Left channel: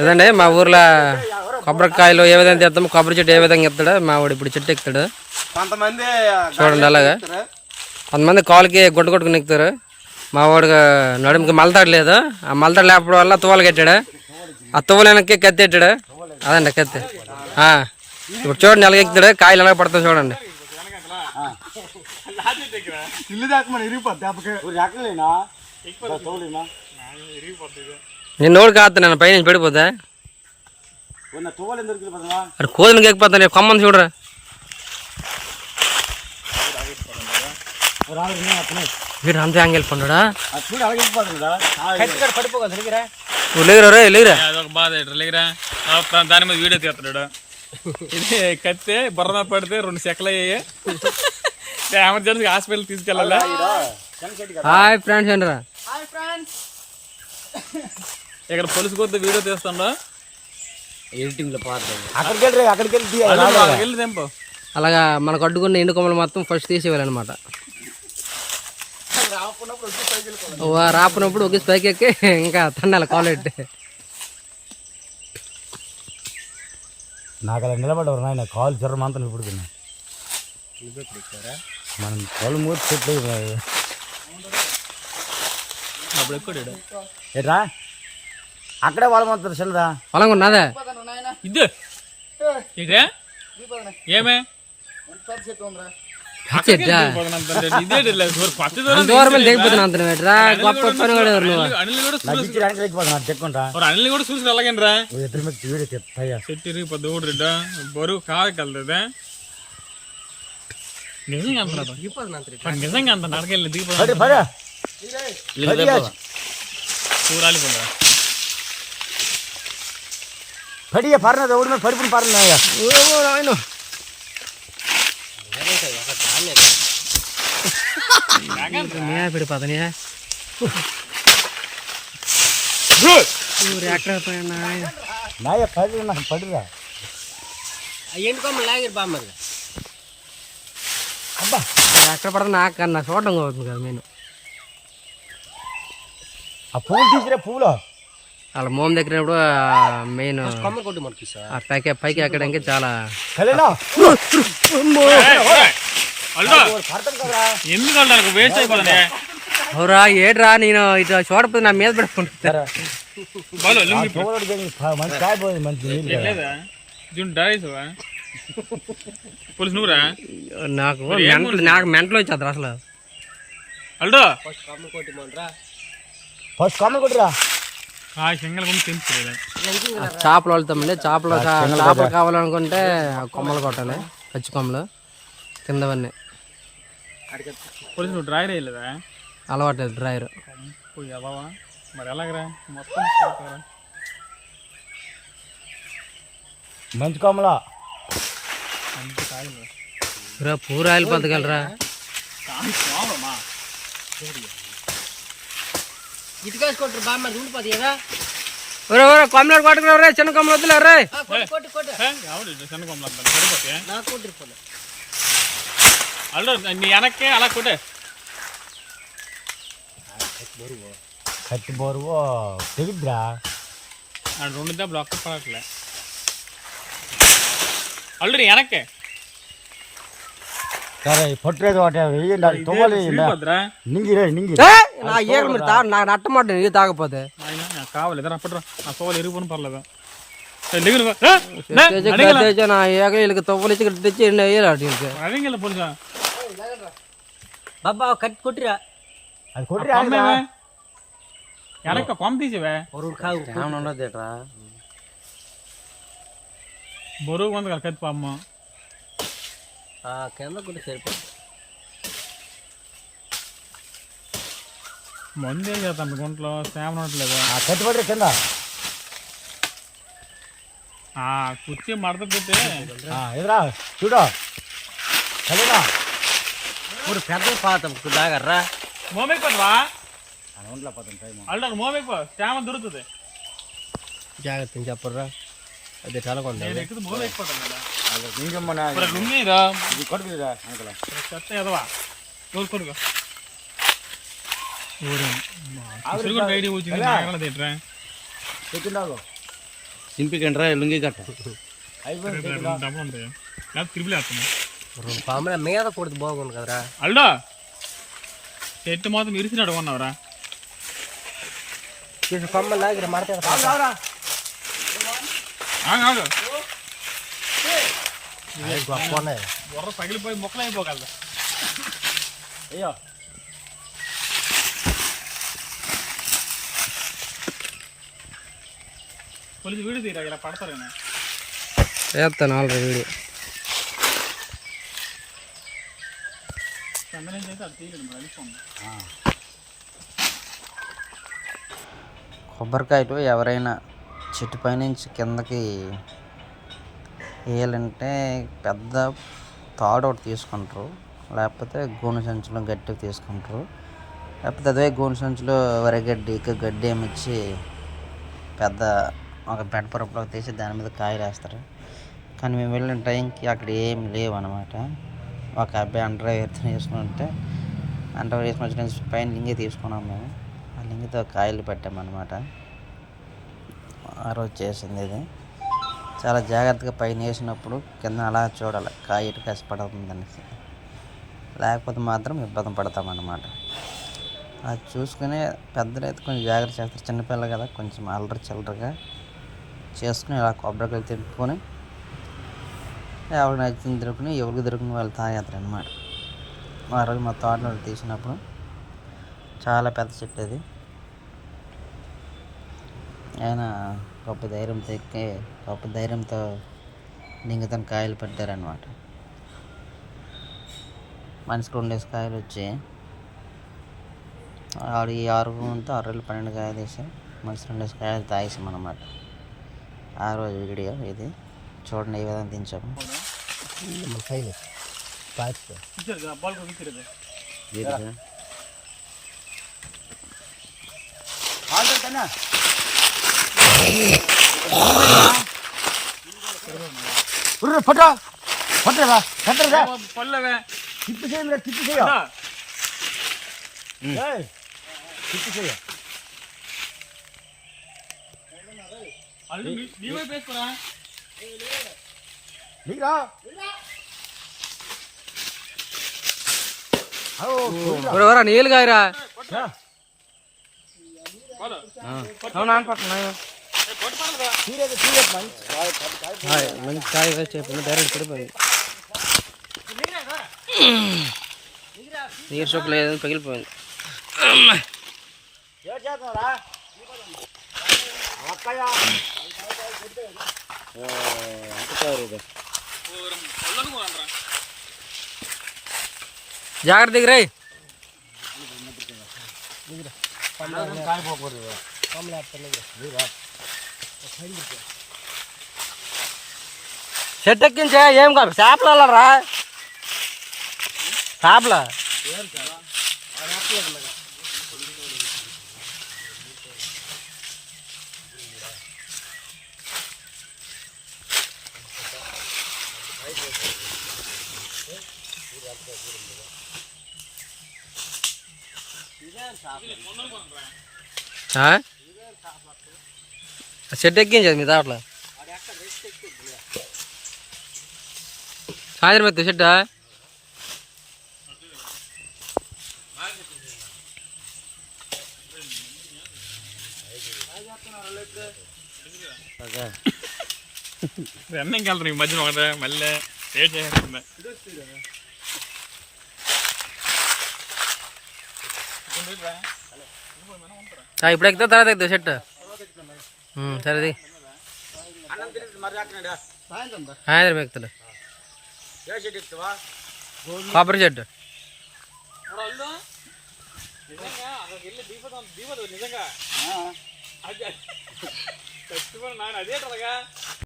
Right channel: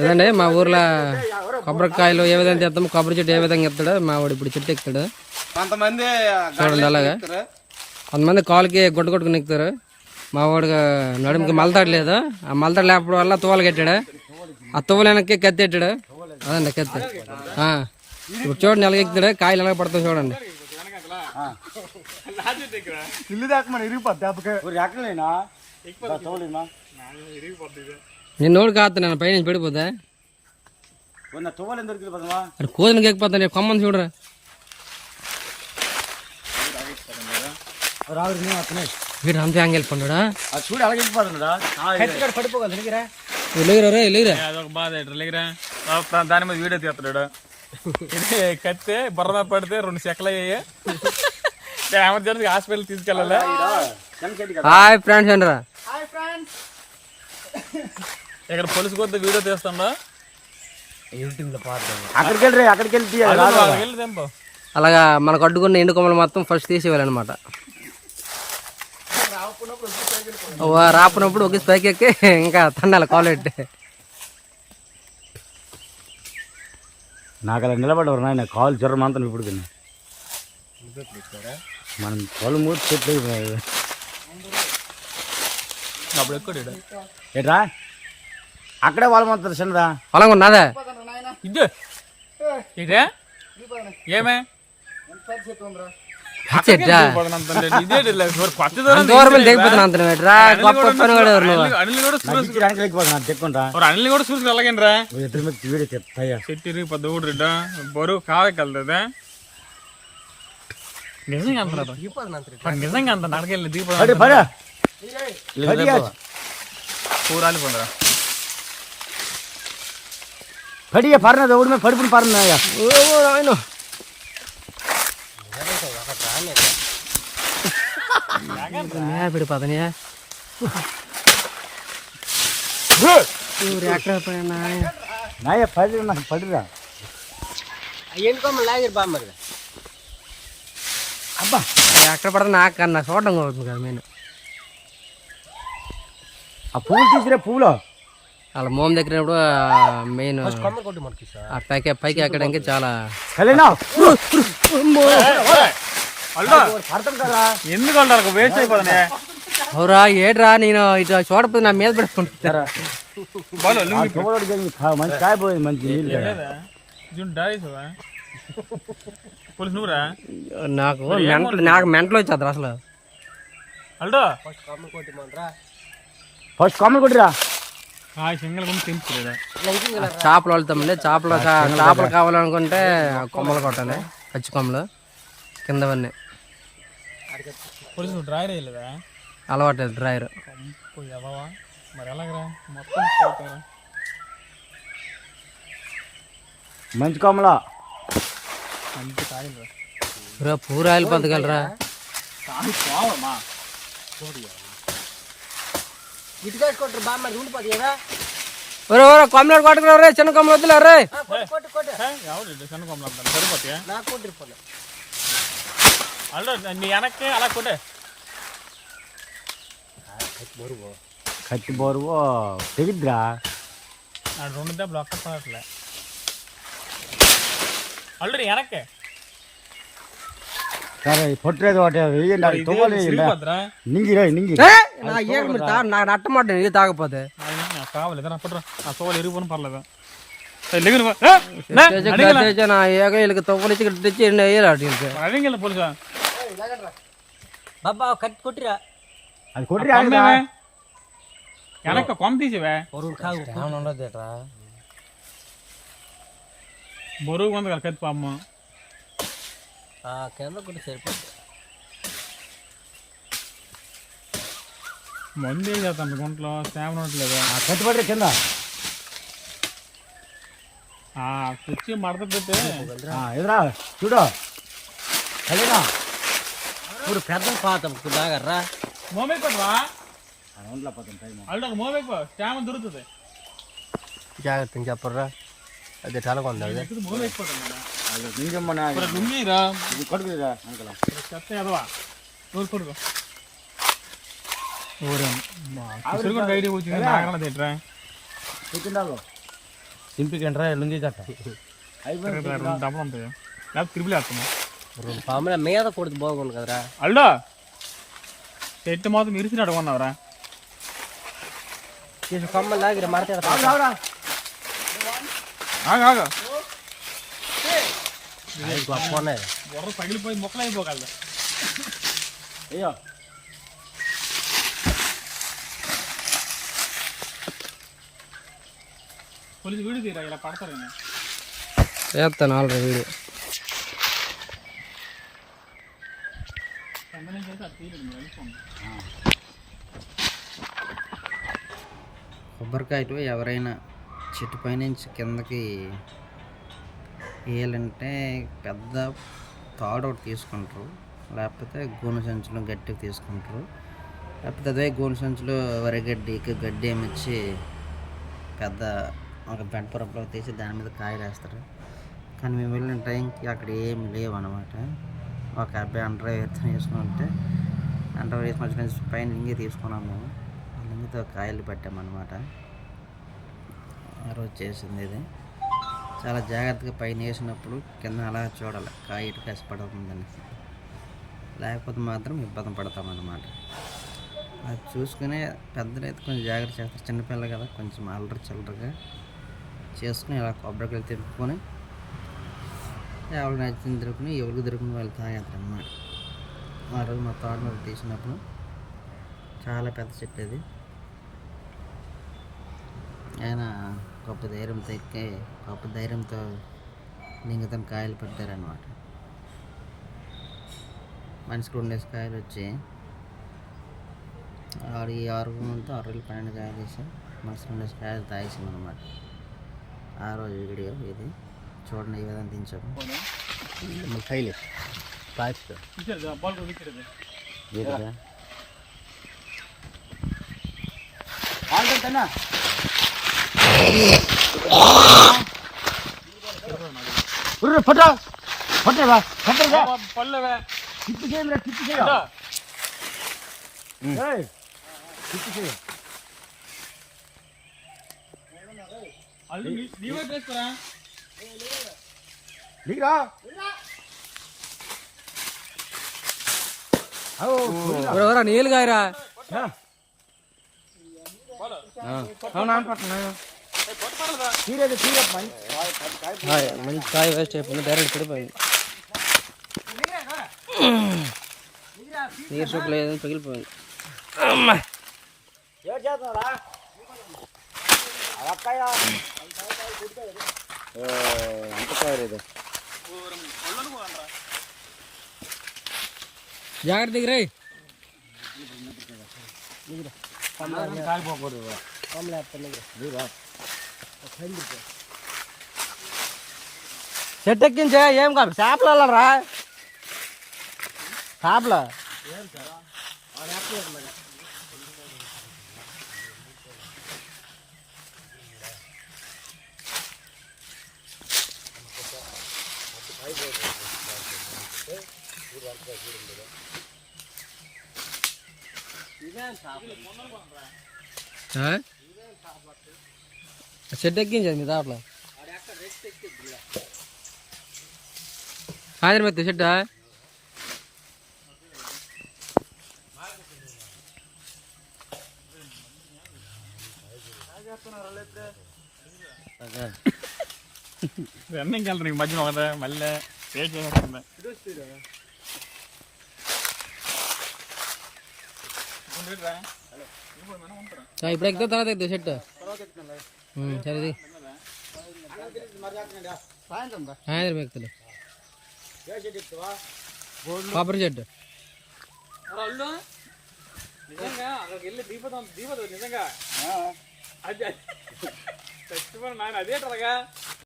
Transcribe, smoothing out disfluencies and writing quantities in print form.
ఇదండి మా ఊర్లో కొబ్బరికాయలు ఏ విధంగా తెస్తాము, కొబ్బరి చెట్టు ఏ విధంగా ఎత్తాడు మా వాడు ఇప్పుడు చెట్టు ఎక్కుతాడు చూడండి. అలాగా కొంతమంది కాలుకి గుడ్డ కొట్టుకుని ఎక్కుతారు. మా వాడికి నడుముకి మలతాడు లేదు, ఆ మలతాడు లేకపోవడం వల్ల తువ్వలు కట్టాడు. ఆ తువ్వలు వెనక్కి కత్తి ఎట్టాడు. అదండి కత్తి. ఇప్పుడు చూడండి ఎలాగ ఎక్కుతాడు, కాయలు ఎలాగ పడతాయి చూడండి. నేను నోడు కాస్తా నేను పైన పడిపోతా అది కోదినకి ఎక్కిపోతాను. కొమ్మని చూడరా వీడు అంతే అంగెళ్ళి పండుడా లేదురా లేదురా దాని మీద వీడియో తీస్తున్నాడు. కత్తే బుర్ర పడితే 2 సెకలు అయ్యాయి. ఎమర్జెన్సీ హాస్పిటల్ తీసుకెళ్ళాలా. హాయ్ ఫ్రెండ్స్ అంటారా ఇక్కడ పోలీసు కొద్ది వీడియో తీస్తుండో అలాగా మనకు అడ్డుకున్న ఎండు కొమ్మలు మొత్తం ఫస్ట్ తీసేయాలన్నమాట. రాపునప్పుడు ఒక పైకి ఎక్కి ఇంకా తన్నాలి కాలెట్టి. నాకు అలా నిలబడవరు నాయన కాలు జ్వరం అంతా ఇప్పుడు మనం కళ్ళు మూడు చెట్లు ఏట్రా అక్కడే వాళ్ళమంటారు చిన్నదా పొలం ఉన్నదా ఇదే ఇదే ఏమే దూరం దిగిపోతున్నా అంతరా గొప్ప పని కూడా అనిల్ కూడా చూసి వెళ్ళగండి రా చెట్టు ఇరిగిపోద్ది ఊడ్రిడ్డా బరువు కాదకెళ్తుందా నిజంగా నిజంగా అంత నడకెళ్ళి దిగిపోదా కూరాలిపోదా పడియ పర్నది ఓడి పడుతుంది పర్న పడిపోతానియా ఎక్కడ పోయినా పడిరా ఎక్కడ పడతా నాకు కన్నా చూడడం అవుతుంది కదా మెయిన్. ఆ పువ్వులు తీసిరే పువ్వులో వాళ్ళ మోమ దగ్గరప్పుడు మెయిన్ ఆ పైకి ఎక్కడానికి చాలా ఎందుకు వేస్ట్ అయిపోతుంది. అవురా ఏడ్రా నేను ఇటు చూడపోతే నా మీద పెట్టుకుంటారా నాకు మెంటలు వచ్చేది అసలు. ఫస్ట్ కామన్ కొట్టిరా చేపలు వెళ్తామండి. చేపలు కావాలనుకుంటే కొమ్మలు కొట్టాలి, పచ్చి కొమ్మలు కిందవన్నీ. అలవాటు డ్రైవర్ మంచి కొమ్మలా పూరాయిలు పంతగలరా కొమ్మలు కొట్టుకురా చిన్న కొమ్మలు వద్దులే రే. వెనక్కి అలా కొట్టే కత్తి బోరువు తెగిద్దిరా 2 దెబ్బలు ఒక్క పడట్లే ఆల్రెడీ వెనక్కి పొట్టలేదు నాకు నట్టమాట ఇది తాగపోతే కావాలి ఎరుగుపోను పర్లేదా నా ఏగ వీళ్ళకి తొవ్వలు ఇచ్చి తెచ్చి వేయాలి పోలీసా బాబా కట్టి కొట్టిరా కొమ్మేమే వెనక్క కొమ్మ తీసేవే ఉండదురా బరువు ఉంది కదా కత్తి అమ్మ కింద కొట్టి సరిపోతుంది. మందు ఏం చేస్తాం గుంటలో శ్యామం ఉండట్లేదు. కట్టుబడి కింద కుర్చీ మడత పెట్టి ఎదురా చూడా ఇప్పుడు పెద్ద పాత దాగర్రా మోమైపోతావా అల్లు మోమైపో శ్యామం దొరుకుతుంది. జాగ్రత్త చెప్పర్రా అది చాలా కొంది పెట్టిందావు సింపికండ్రా లుంగి కట్ట రెండు డబ్బులు ఉంటాయి లేకపోతే క్రిబుల్ వేస్తున్నా పాముల మీద కొడుతు బాగుంది కదరా అల్లా చెట్టు మాత్రం ఇరిసినట్టు కొన్నావురా ఆగా బుర్ర పగిలిపోయి మొక్కలు అయిపోగలదా అయ్యో పోలీసు వీడియో తీరా ఇలా పడతారేనా చేస్తాను ఆల్రెడీ వీడియో. సంద నుంచి అయితే అది తీయలేదు మరి వెళ్ళిపోండి. కొబ్బరికాయలు ఎవరైనా చెట్టు పైనుంచి కిందకి వేయాలంటే పెద్ద తాడు ఒకటి తీసుకుంటారు, లేకపోతే గోను సంచులు గట్టిగా తీసుకుంటారు, లేకపోతే అదే గోను సంచులు వరిగడ్డి గడ్డి ఏమిచ్చి పెద్ద ఒక బెండపురపులో తీసి దాని మీద కాయలు వేస్తారు. కానీ మేము వెళ్ళిన టైంకి అక్కడ ఏం లేవు అనమాట. ఒక అబ్బాయి అండర్వేర్ వేసుకుంటే అండర్వేర్ వేసుకొని నుంచి పైన లింగి తీసుకున్నాం మేము. ఆ లింగితో కాయలు పెట్టామన్నమాట. ఆ రోజు చేసింది ఇది. చాలా జాగ్రత్తగా పైన వేసినప్పుడు కింద అలా చూడాలి కాయ ఇటు కష్టపడుతుంది అనేసి, లేకపోతే మాత్రం ఇబ్బంది పడతామన్నమాట. అది చూసుకుని పెద్దలు అయితే కొంచెం జాగ్రత్త చేస్తారు, చిన్నపిల్లలు కదా కొంచెం అల్లరి చిల్లరగా చేసుకుని ఇలా కొబ్బరికాయలు తిప్పుకొని ఎవరికి నచ్చింది దొరుకుని ఎవరికి దొరుకుని వాళ్ళు తాగేస్తారు అన్నమాట. ఆ రోజు మా తోటలో తీసినప్పుడు చాలా పెద్ద చెట్టు అది. ఆయన గొప్ప ధైర్యంతో ఎక్కి గొప్ప ధైర్యంతో లింగతో కాయలు పెట్టారనమాట. మనిషికి 2 కాయలు వచ్చి ఆడు ఈ 6 12 కాయలు వేసాం. మనిషి 2 కాయలు తాగేసాం అన్నమాట. ఆ రోజు వీడియో ఇది చూడండి, ఏ విధంగా దించాము. పల్లెవే తిప్పి చేయండి, తిప్పి చేయ అల్లు నీ వైపు వేసుకోరా. నీళ్ళు కాయరా మంచి కాయ వేస్ట్ అయిపోయింది, డైరెక్ట్ పడిపోయింది. నీరు చొక్క లేదని పగిలిపోయింది. జాగ్రత్త దిగరే. చెట్టు ఎక్కించే ఏం కాదు, చేపలు వెళ్ళరా చేపల చెట్టు ఎక్కించదు మీ దాంట్లో సాయంత్రం ఎత్తు చెట్ట. రన్నింగ్కి వెళ్తాను ఈ మధ్యన ఒకటే మళ్ళీ వెయిట్ చేసేస్తుంది. ఇప్పుడు ఎక్కుతా తర్వాత ఎక్కుతా చెట్టు. సరేది సాయంత్రం ఎక్కుతాడు కొబ్బరి చెట్టు. నిజంగా అక్కడికి వెళ్ళి దీపం నిజంగా అదే అదే